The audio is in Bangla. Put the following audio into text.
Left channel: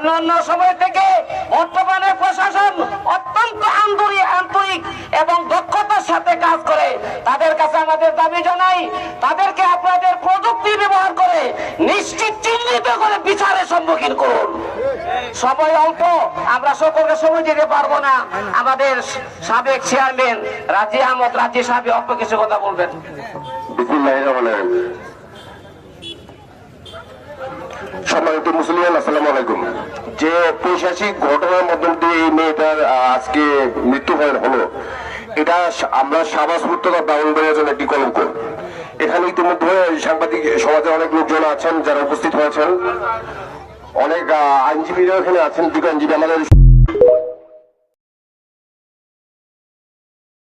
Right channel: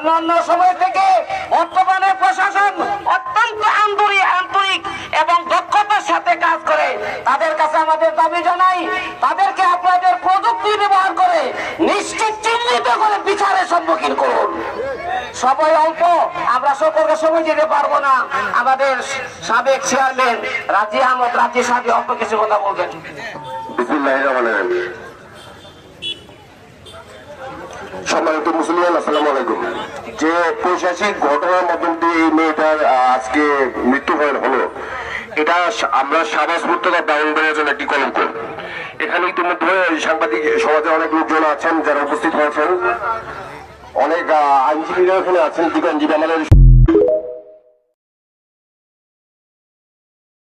অন্যান্য সময় থেকে বর্তমানে প্রশাসন অত্যন্ত আন্তরিক এবং দক্ষতার সাথে কাজ করে। তাদের কাছে আমাদের দাবি জানাই, তাদেরকে আপনাদের প্রযুক্তি ব্যবহার করে নিশ্চিত চিহ্নিত করে বিচারের সম্মুখীন করুন। সময় অল্প, আমরা সকলকে সময় দিতে পারবো না। আমাদের সাবেক চেয়ারম্যান রাজি আহমদ রাজি সাহেব অল্প কিছু কথা বলবেন। সম্মানিত মুসলিম, আসসালামু আলাইকুম। যে পৈশাচিক ঘটনার মধ্যে দিয়ে এই মেয়েটার আজকে মৃত্যুবরণ হলো, এটা আমরা সাবাস মুক্তরা বাউন্ডারির জন্য একটি কলঙ্ক। এখানে ইতিমধ্যে সাংবাদিক সমাজের অনেক লোকজন আছেন যারা উপস্থিত হয়েছেন, অনেক আইনজীবীরা এখানে আছেন, দুটো আইনজীবী আমাদের